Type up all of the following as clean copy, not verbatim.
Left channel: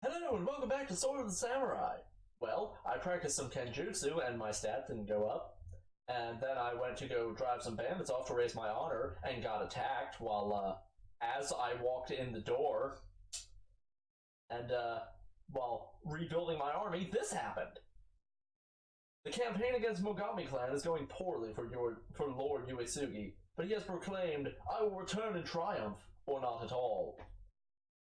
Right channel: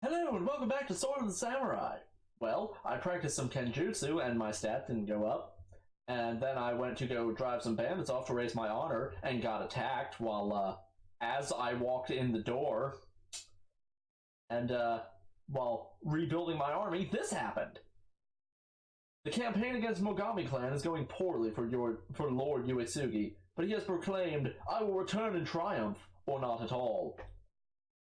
Hello and welcome back to Sword of the Samurai. Well, I practiced some Kenjutsu and my stat didn't go up. And then I went to go drive some bandits off to raise my honor and got attacked as I walked in the door. And, while rebuilding my army, this happened. The campaign against Mogami clan is going poorly for Lord Uesugi, but he has proclaimed, "I will return in triumph, or not at all."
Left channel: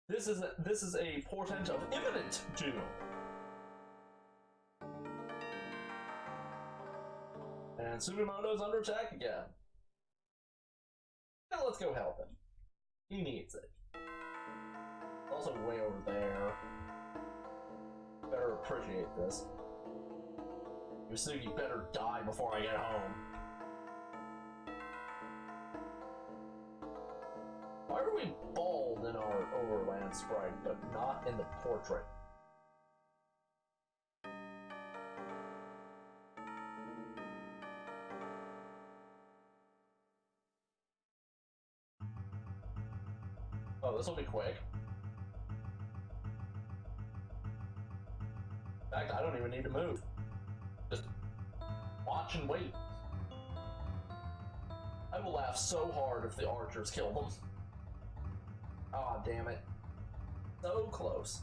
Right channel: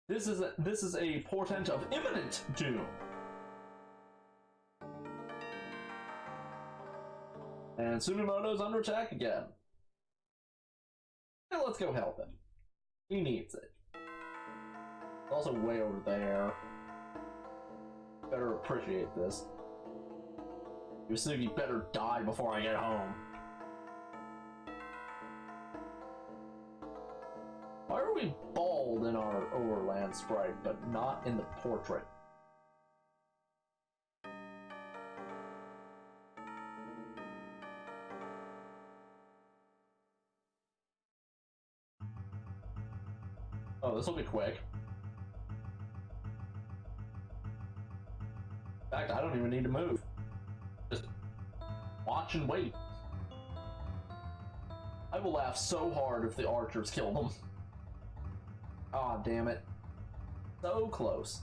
This is a portent of imminent doom. And Tsunemoto's under attack again. And let's go help him. He needs it. It's also way over there. Better appreciate this. Uesugi better die before I get home. Why are we bald in our overland sprite, but not in the portrait? Oh, this will be quick. In fact, I don't even need to move. Just watch and wait. I will laugh so hard if the archers kill them. Aw, damn it. So close.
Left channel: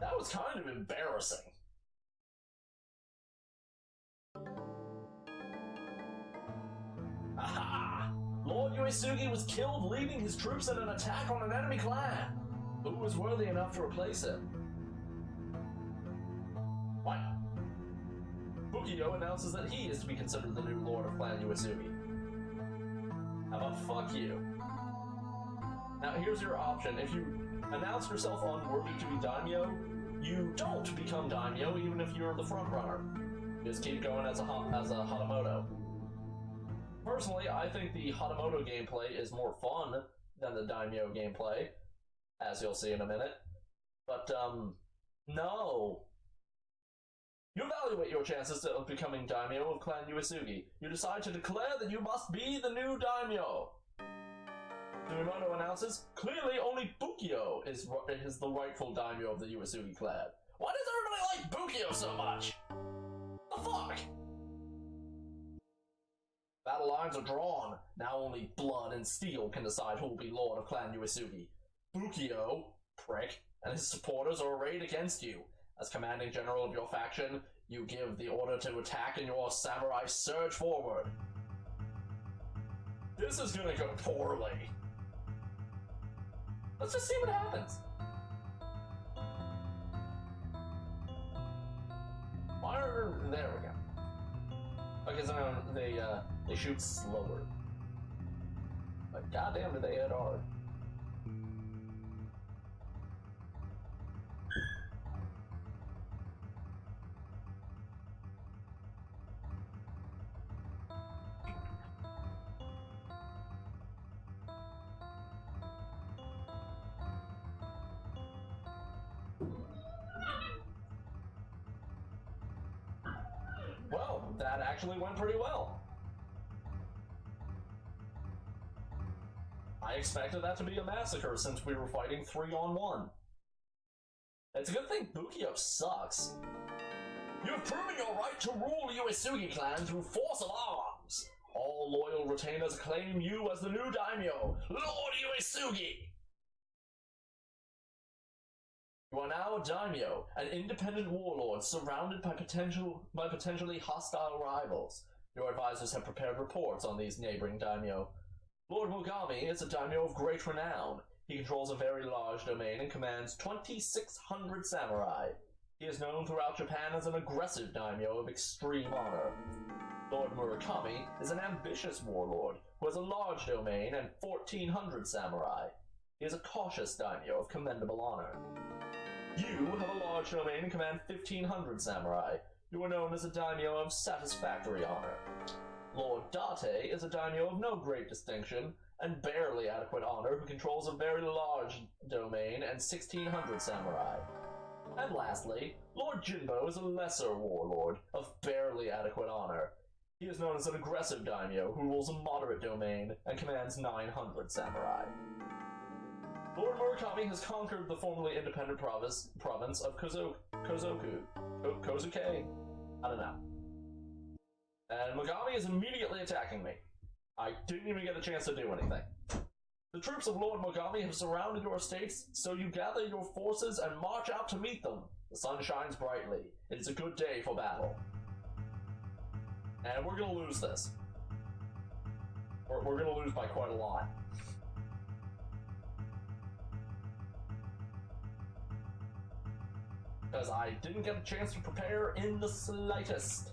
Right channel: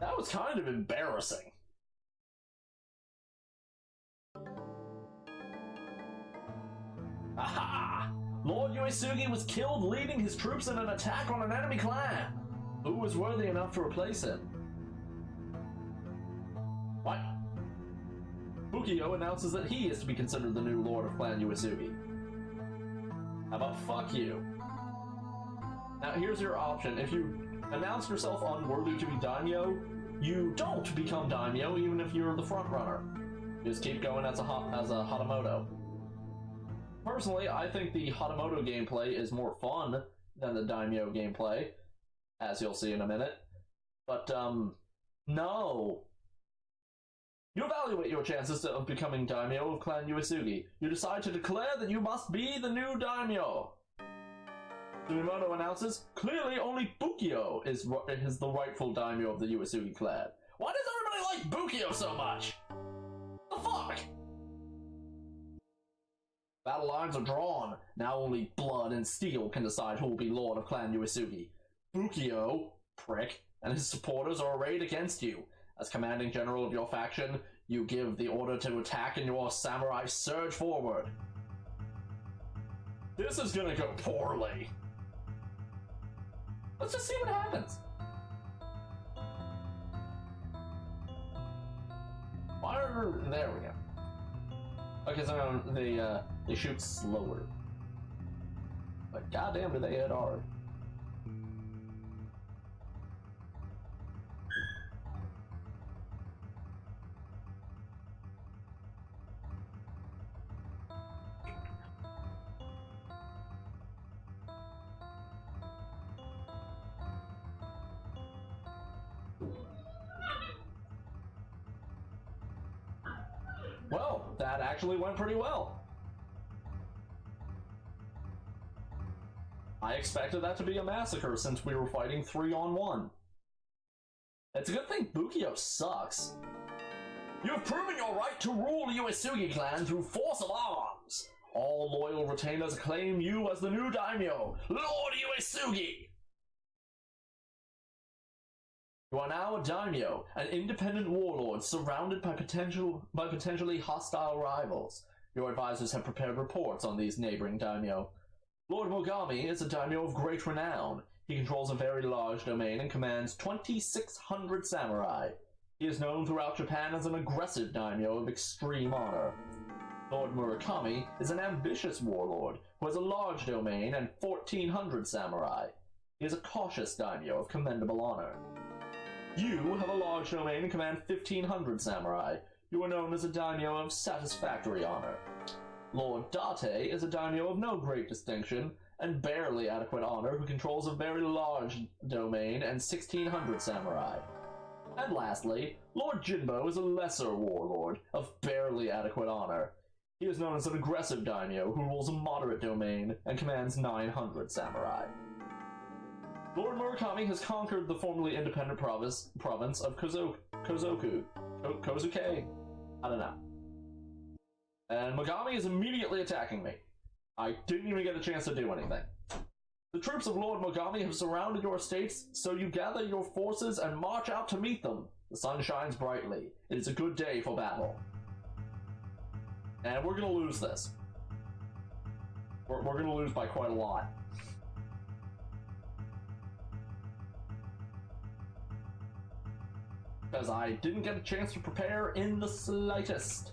That was kind of embarrassing. Aha! Lord Uesugi was killed leading his troops in an attack on an enemy clan. Who was worthy enough to replace him? What? Bukio announces that he is to be considered the new Lord of Clan Uesugi. How about fuck you? Now here's your option. If you announce yourself unworthy to be daimyo, you don't become daimyo even if you're the front runner. You just keep going as a Hatamoto. Personally, I think the Hatamoto gameplay is more fun than the daimyo gameplay, as you'll see in a minute. But, no. You evaluate your chances of becoming daimyo of Clan Uesugi. You decide to declare that you must be the new daimyo. Tsunemoto announces, clearly only Bukio is the rightful daimyo of the Uesugi clan. Why does everybody like Bukio so much? The fuck? Battle lines are drawn. Now only blood and steel can decide who will be Lord of Clan Uesugi. Bukio, prick, and his supporters are arrayed against you. As commanding general of your faction, you give the order to attack and your samurai surge forward. This is gonna go poorly. Let's just see what happens. There we go. Okay, so they shoot slower. But goddamn do they hit hard. Well, that actually went pretty well. I expected that to be a massacre since we were fighting 3-on-1. It's a good thing Bukio sucks. You have proven your right to rule Uesugi clan through force of arms. All loyal retainers acclaim you as the new daimyo, Lord Uesugi. You are now a daimyo, an independent warlord surrounded by potentially hostile rivals. Your advisors have prepared reports on these neighboring daimyo. Lord Mogami is a daimyo of great renown. He controls a very large domain and commands 2,600 samurai. He is known throughout Japan as an aggressive daimyo of extreme honor. Lord Murakami is an ambitious warlord who has a large domain and 1,400 samurai. He is a cautious daimyo of commendable honor. You have a large domain and command 1,500 samurai. You are known as a daimyo of satisfactory honor. Lord Date is a daimyo of no great distinction and barely adequate honor who controls a very large domain and 1,600 samurai. And lastly, Lord Jinbo is a lesser warlord of barely adequate honor. He is known as an aggressive daimyo who rules a moderate domain and commands 900 samurai. Lord Murakami has conquered the formerly independent province of Kozuke. I don't know. And Mogami is immediately attacking me. I didn't even get a chance to do anything. The troops of Lord Mogami have surrounded your estates, so you gather your forces and march out to meet them. The sun shines brightly. It is a good day for battle. And we're gonna lose this. We're gonna lose by quite a lot. Because I didn't get a chance to prepare in the slightest.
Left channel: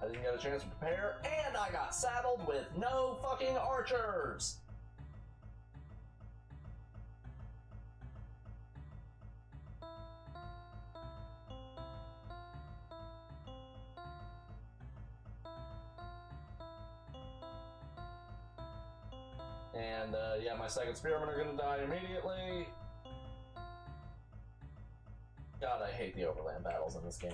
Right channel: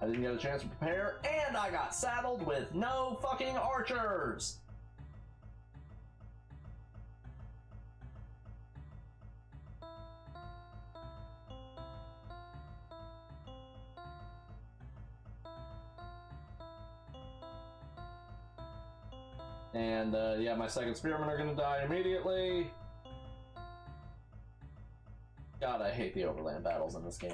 I didn't get a chance to prepare, and I got saddled with no fucking archers! And, yeah, my second spearmen are gonna die immediately. God, I hate the overland battles in this game.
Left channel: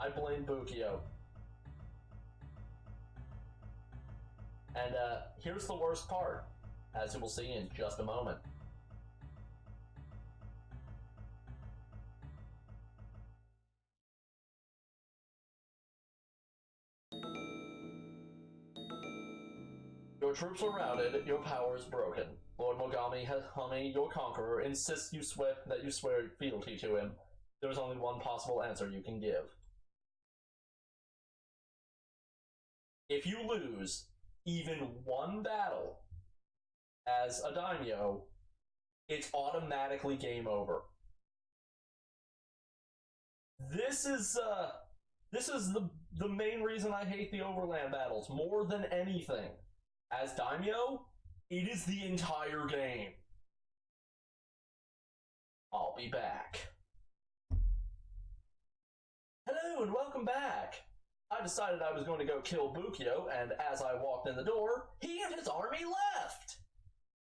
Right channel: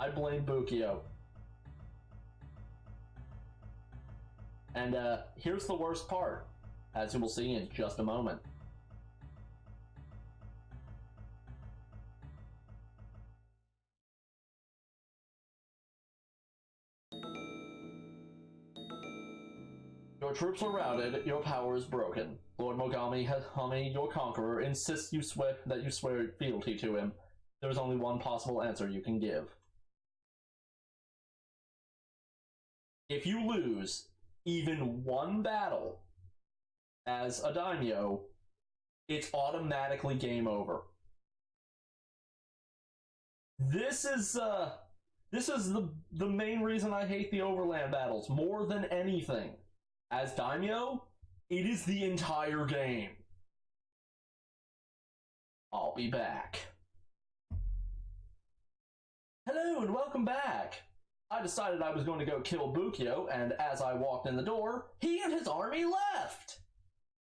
I blame Bukio. And, here's the worst part, as you will see in just a moment. Your troops are routed, your power is broken. Lord Mogami, your conqueror, insists that you swear fealty to him. There is only one possible answer you can give. If you lose even one battle as a daimyo, it's automatically game over. This is the main reason I hate the overland battles more than anything. As daimyo, it is the entire game. I'll be back. Hello and welcome back. I decided I was going to go kill Bukio, and as I walked in the door, he and his army left!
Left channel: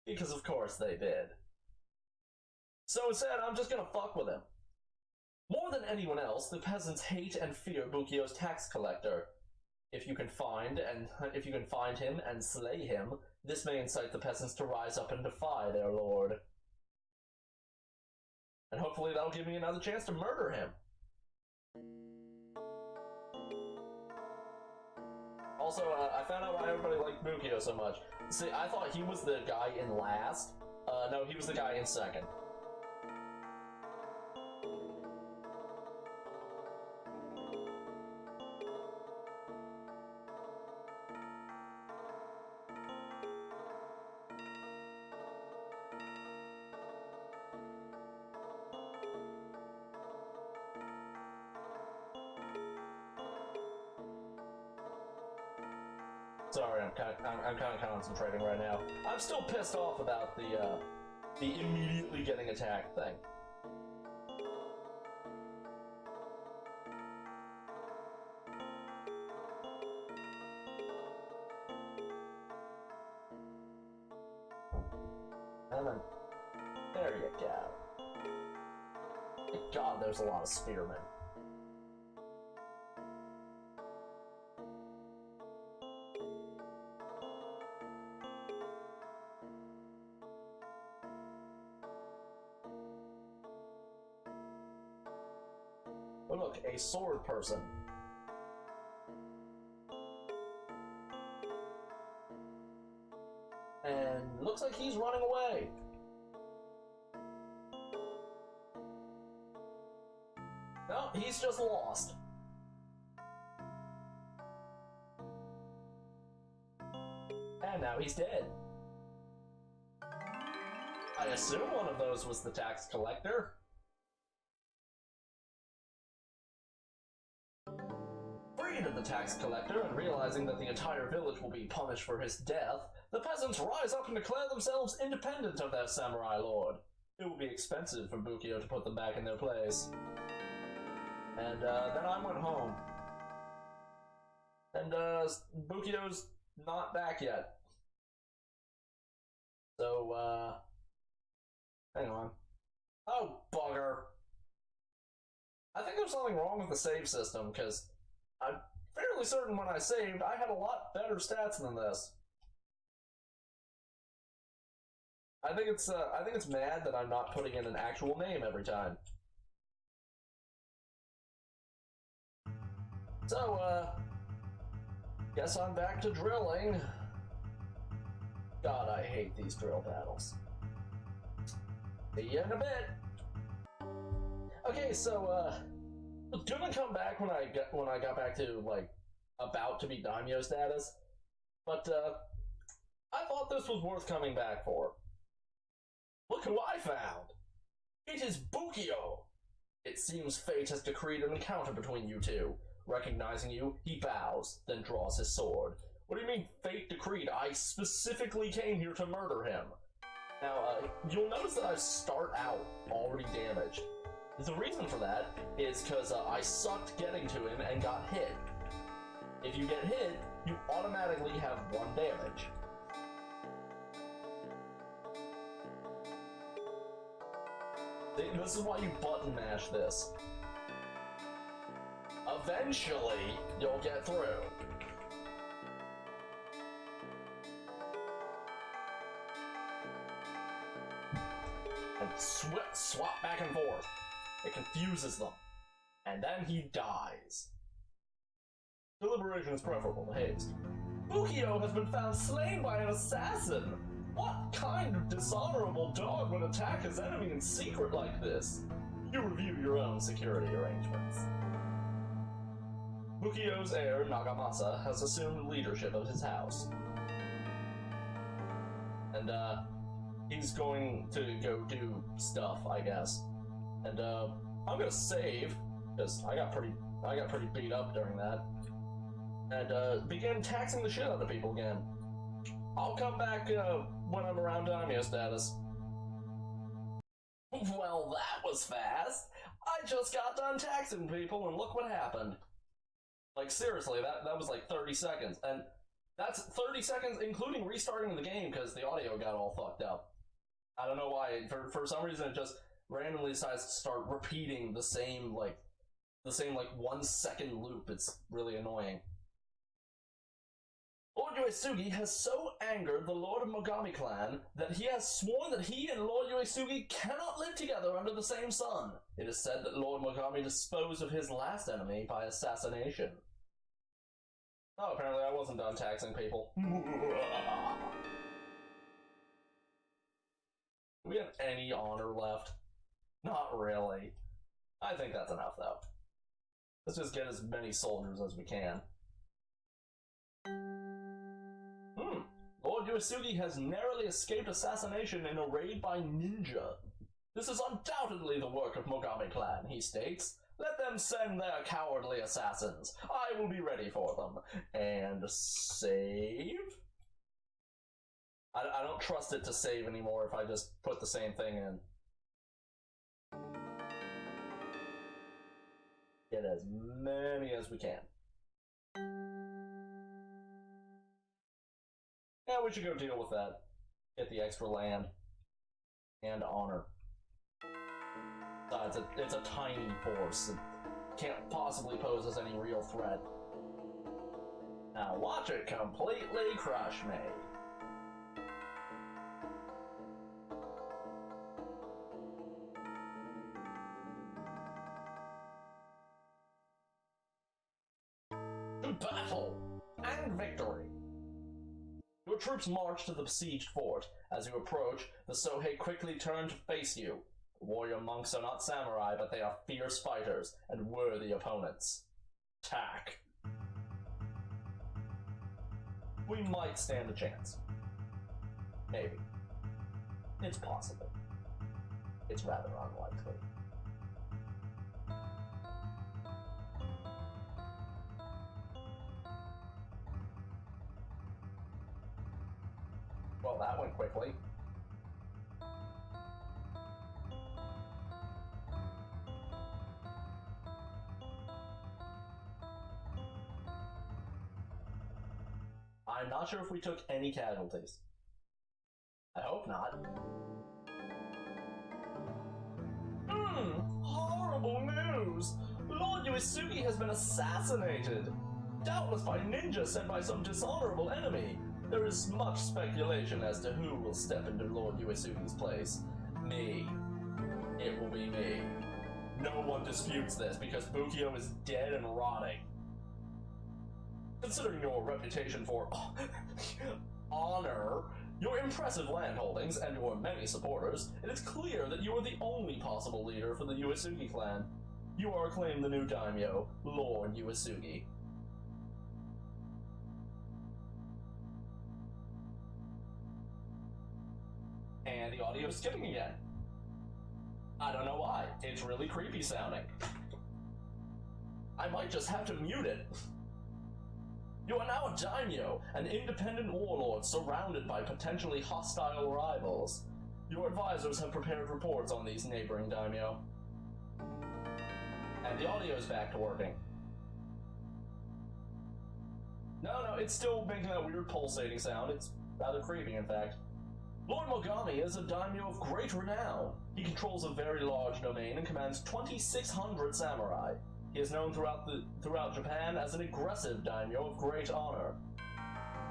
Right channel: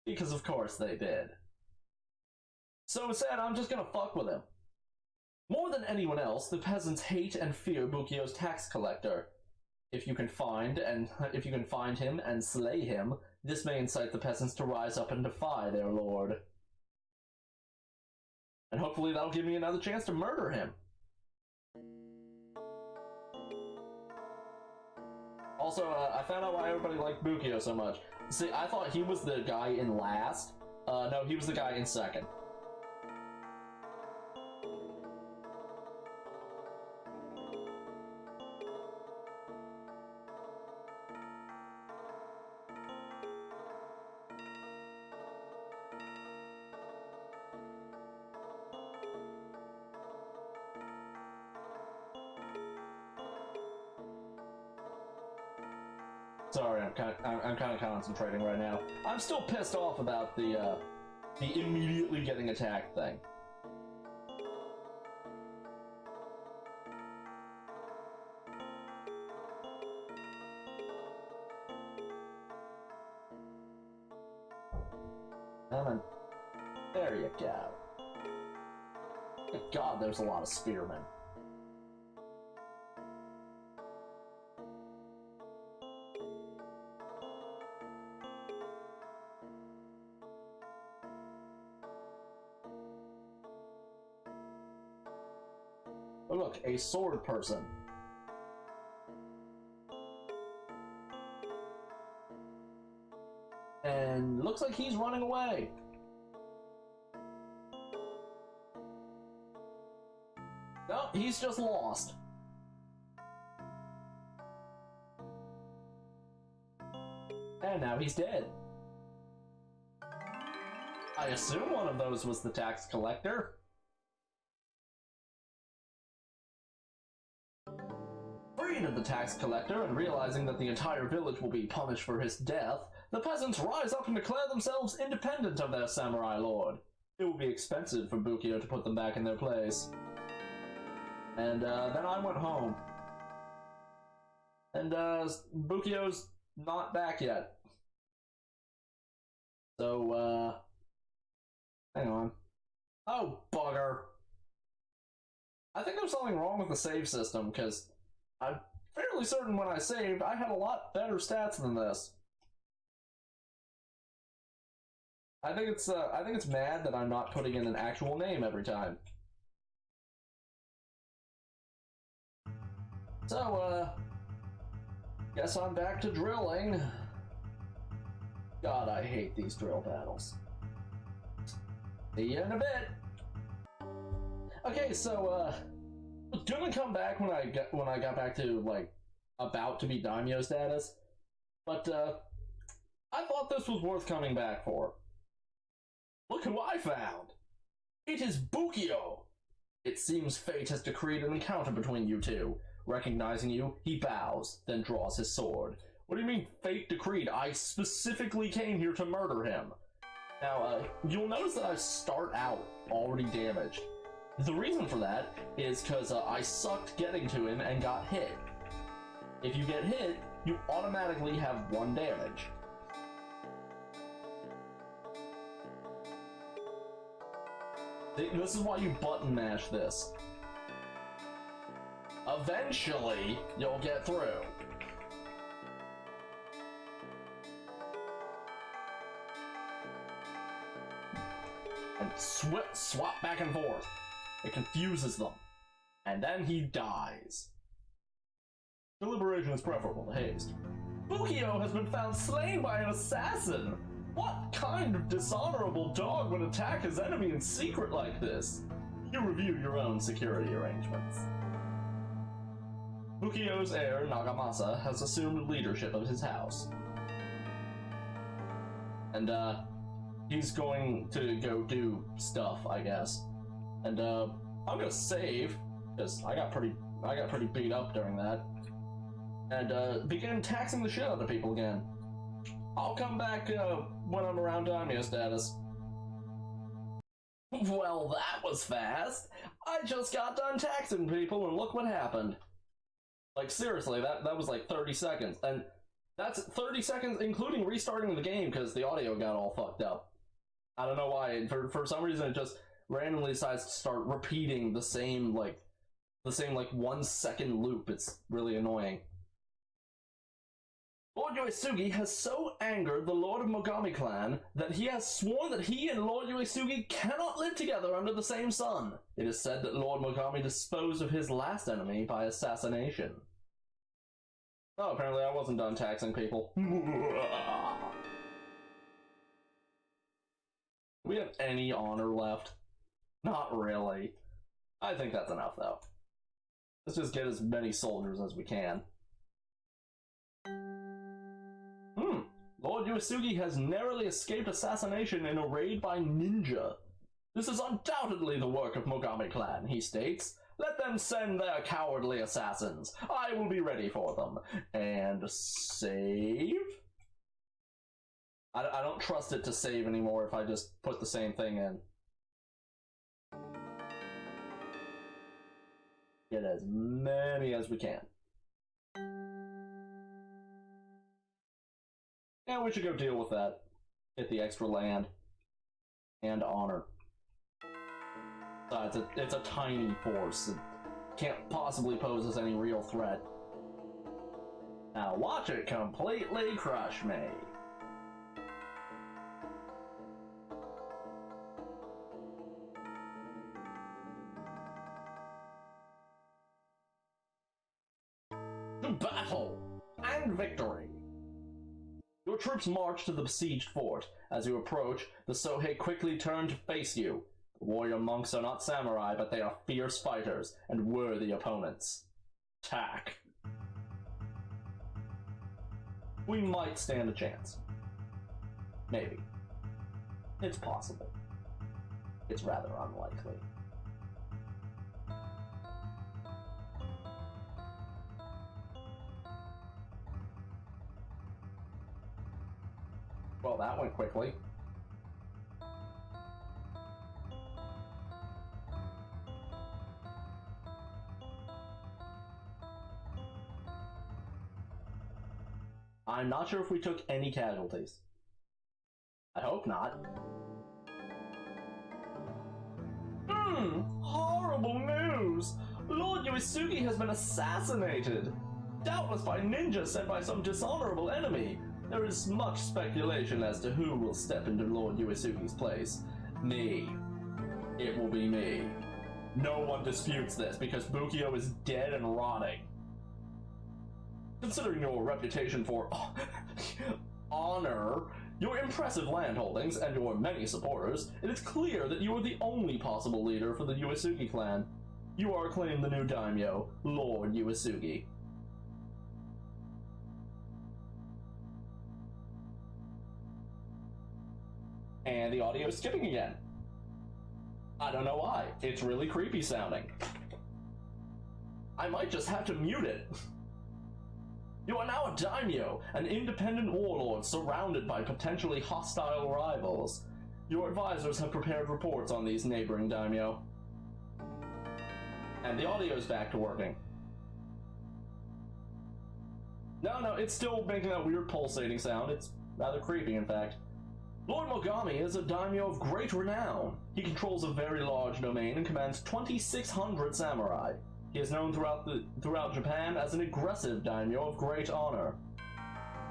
Because of course they did. So instead, I'm just gonna fuck with him. More than anyone else, the peasants hate and fear Bukio's tax collector. If you can find him and slay him, this may incite the peasants to rise up and defy their lord. And hopefully that'll give me another chance to murder him. Also, I found out why everybody liked Bukio so much. See, I thought he was the guy in last. No, he was the guy in second. Sorry, I'm kind of concentrating right now. I'm still pissed off about the immediately getting attacked thing. There you go. Thank God, there's a lot of spearmen. Oh look, a sword person. And looks like he's running away. No, he's just lost. And now he's dead. I assume one of those was the tax collector. Freed of the tax collector and realizing that the entire village will be punished for his death, the peasants rise up and declare themselves independent of their samurai lord. it would be expensive for Bukio to put them back in their place. And then I went home. And Bukio's not back yet. So, hang on. Oh, bugger. I think there's something wrong with the save system, because I'm fairly certain when I saved, I had a lot better stats than this. I think it's mad that I'm not putting in an actual name every time. So, guess I'm back to drilling. God, I hate these drill battles. See you in a bit. Okay, so, gonna come back when I got back to, like, about to be daimyo status, but, I thought this was worth coming back for. Look who I found! It is Bukio! It seems fate has decreed an encounter between you two. Recognizing you, he bows, then draws his sword. What do you mean, fate decreed? I specifically came here to murder him. Now, you'll notice that I start out already damaged. The reason for that is because I sucked getting to him and got hit. If you get hit, you automatically have 1 damage. This is why you button mash this. Eventually, you'll get through. And swap back and forth. It confuses them. And then he dies. Deliberation is preferable to haste. Bukio has been found slain by an assassin! What kind of dishonorable dog would attack his enemy in secret like this? You review your own security arrangements. Bukio's heir, Nagamasa, has assumed leadership of his house. And, he's going to go do stuff, I guess. And, I'm gonna save, because I got pretty beat up during that. And, begin taxing the shit out of people again. I'll come back, when I'm around daimyo status. Well, that was fast! I just got done taxing people and look what happened. Like, seriously, that was like 30 seconds. And that's 30 seconds including restarting the game because the audio got all fucked up. I don't know why. For some reason it just randomly decides to start repeating the same 1 second loop. It's really annoying. Lord Yoisugi has so angered the Lord of Mogami clan that he has sworn that he and Lord Yoisugi cannot live together under the same sun. It is said that Lord Mogami disposed of his last enemy by assassination. Oh, apparently I wasn't done taxing people. Do we have any honor left? Not really. I think that's enough, though. Let's just get as many soldiers as we can. Lord Yoisugi has narrowly escaped assassination in a raid by ninja. This is undoubtedly the work of Mogami clan, he states. Let them send their cowardly assassins. I will be ready for them. And save? I don't trust it to save anymore if I just put the same thing in. Get as many as we can. Yeah, we should go deal with that. Get the extra land. And honor. Besides, it's a tiny force. It can't possibly pose as any real threat. Now watch it completely crush me. Battle and victory. Your troops march to the besieged fort. As you approach, the Sohei quickly turn to face you. The warrior monks are not samurai, but they are fierce fighters and worthy opponents. Attack. We might stand a chance. Maybe. It's possible. It's rather unlikely. Well, that went quickly. I'm not sure if we took any casualties. I hope not. Horrible news! Lord Yuisuke has been assassinated! Doubtless by ninjas sent by some dishonorable enemy. There is much speculation as to who will step into Lord Yuisuke's place. Me. It will be me. No one disputes this because Bukio is dead and rotting. Considering your reputation for honor, your impressive land holdings, and your many supporters, it is clear that you are the only possible leader for the Yuisuke clan. You are acclaimed the new daimyo, Lord Yuisuke. And the audio is skipping again. I don't know why. It's really creepy sounding. I might just have to mute it. You are now a daimyo, an independent warlord surrounded by potentially hostile rivals. Your advisors have prepared reports on these neighboring daimyo. And the audio's back to working. No, it's still making that weird pulsating sound. It's rather creepy, in fact. Lord Mogami is a daimyo of great renown. He controls a very large domain and commands 2,600 samurai. He is known throughout Japan as an aggressive daimyo of great honor.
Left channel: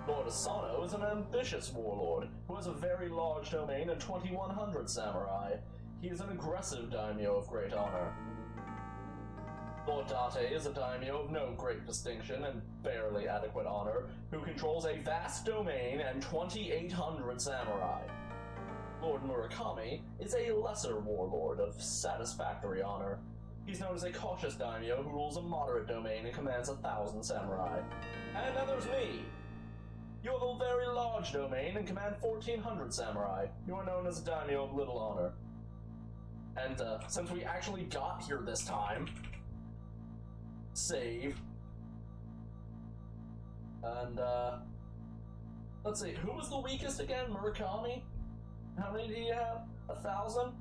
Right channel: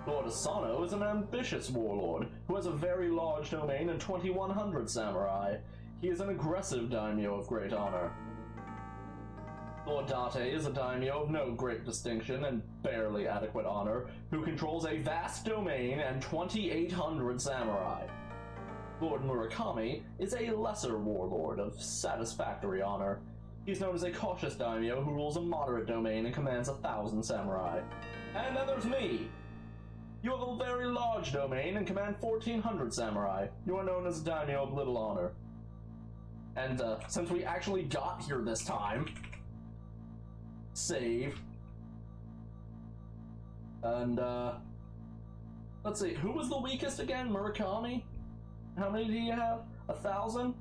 Lord Asano is an ambitious warlord who has a very large domain and 2,100 samurai. He is an aggressive daimyo of great honor. Lord Date is a daimyo of no great distinction and barely adequate honor, who controls a vast domain and 2,800 samurai. Lord Murakami is a lesser warlord of satisfactory honor. He's known as a cautious daimyo who rules a moderate domain and commands 1,000 samurai. And then there's me! You have a very large domain and command 1,400 samurai. You are known as a daimyo of little honor. And since we actually got here this time, save. And let's see, who was the weakest again? Murakami? How many do you have? 1,000?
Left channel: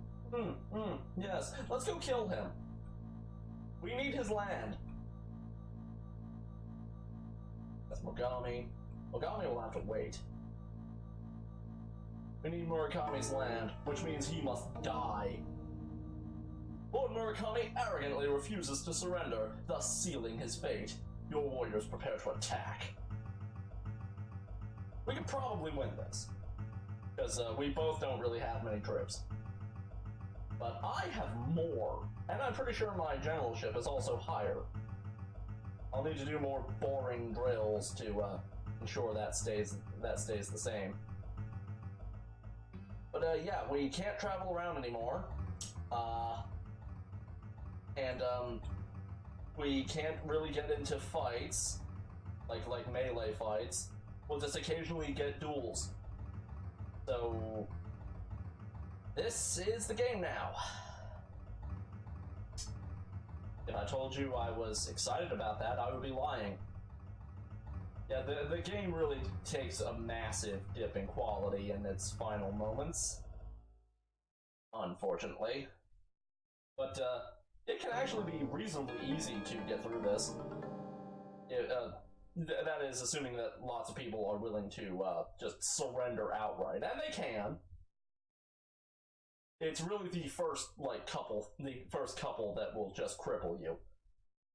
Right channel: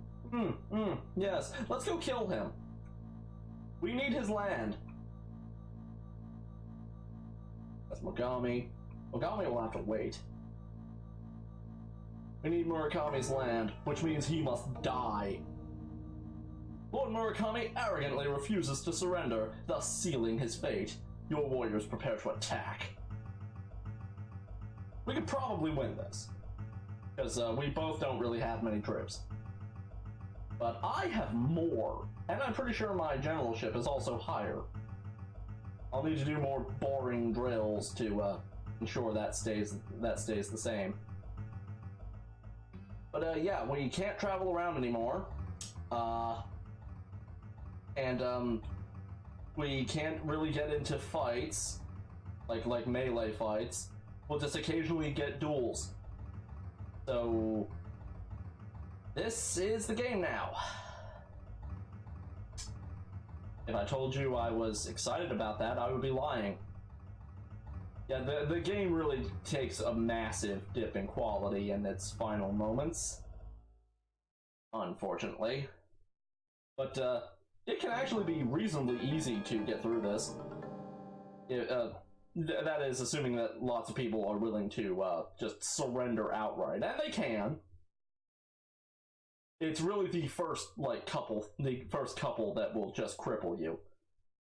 Yes. Let's go kill him. We need his land. That's Mogami. Mogami will have to wait. We need Murakami's land, which means he must die. Lord Murakami arrogantly refuses to surrender, thus sealing his fate. Your warriors prepare to attack. We could probably win this, because we both don't really have many troops. But I have more, and I'm pretty sure my generalship is also higher. I'll need to do more boring drills to ensure that stays the same. But yeah, we can't travel around anymore. And we can't really get into fights, like melee fights. We'll just occasionally get duels. So this is the game now. If I told you I was excited about that, I would be lying. Yeah, the game really takes a massive dip in quality in its final moments, unfortunately. But it can actually be reasonably easy to get through this. That is, assuming that lots of people are willing to just surrender outright, and they can. It's really the first couple that will just cripple you.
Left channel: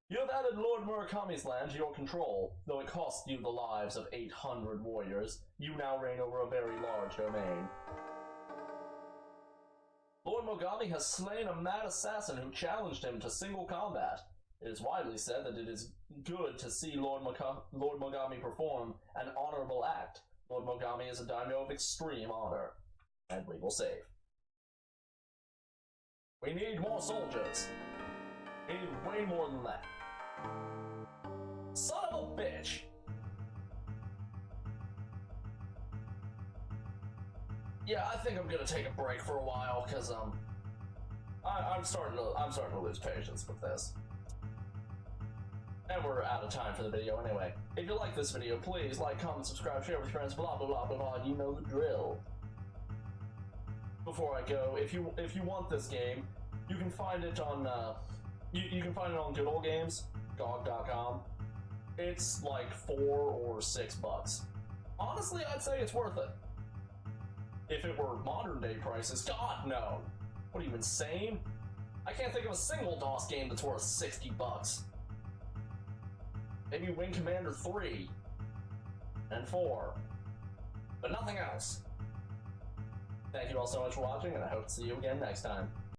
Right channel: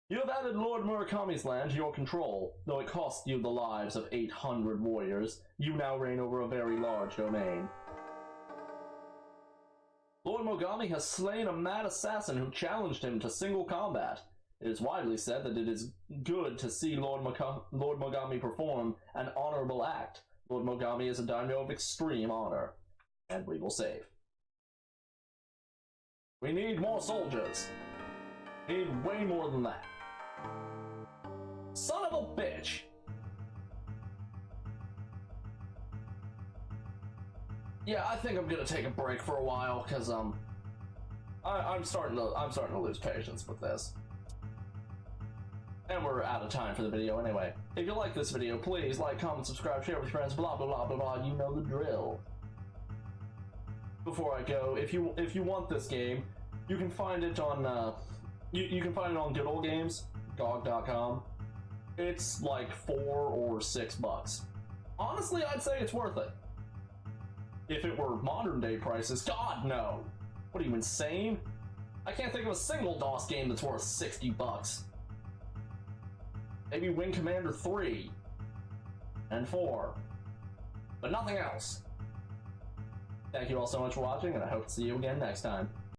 You have added Lord Murakami's land to your control. Though it cost you the lives of 800 warriors, you now reign over a very large domain. Lord Mogami has slain a mad assassin who challenged him to single combat. It is widely said that it is good to see Lord Mogami perform an honorable act. Lord Mogami is a daimyo of extreme honor. And we will save. We need more soldiers. We need way more than that. Son of a bitch! Yeah, I think I'm gonna take a break for a while, cause I'm starting to lose patience with this. And we're out of time for the video anyway. If you like this video, please like, comment, subscribe, share with your friends, blah blah blah blah blah, you know the drill. Before I go, if you want this game, you can find it on you can find it on Good Old Games, GOG.com. It's like $4 or $6. Honestly, I'd say it's worth it. If it were modern day prices, God no. What are you, insane? I can't think of a single DOS game that's worth $60. Maybe Wing Commander 3 and 4, but nothing else. Thank you all so much for watching, and I hope to see you again next time.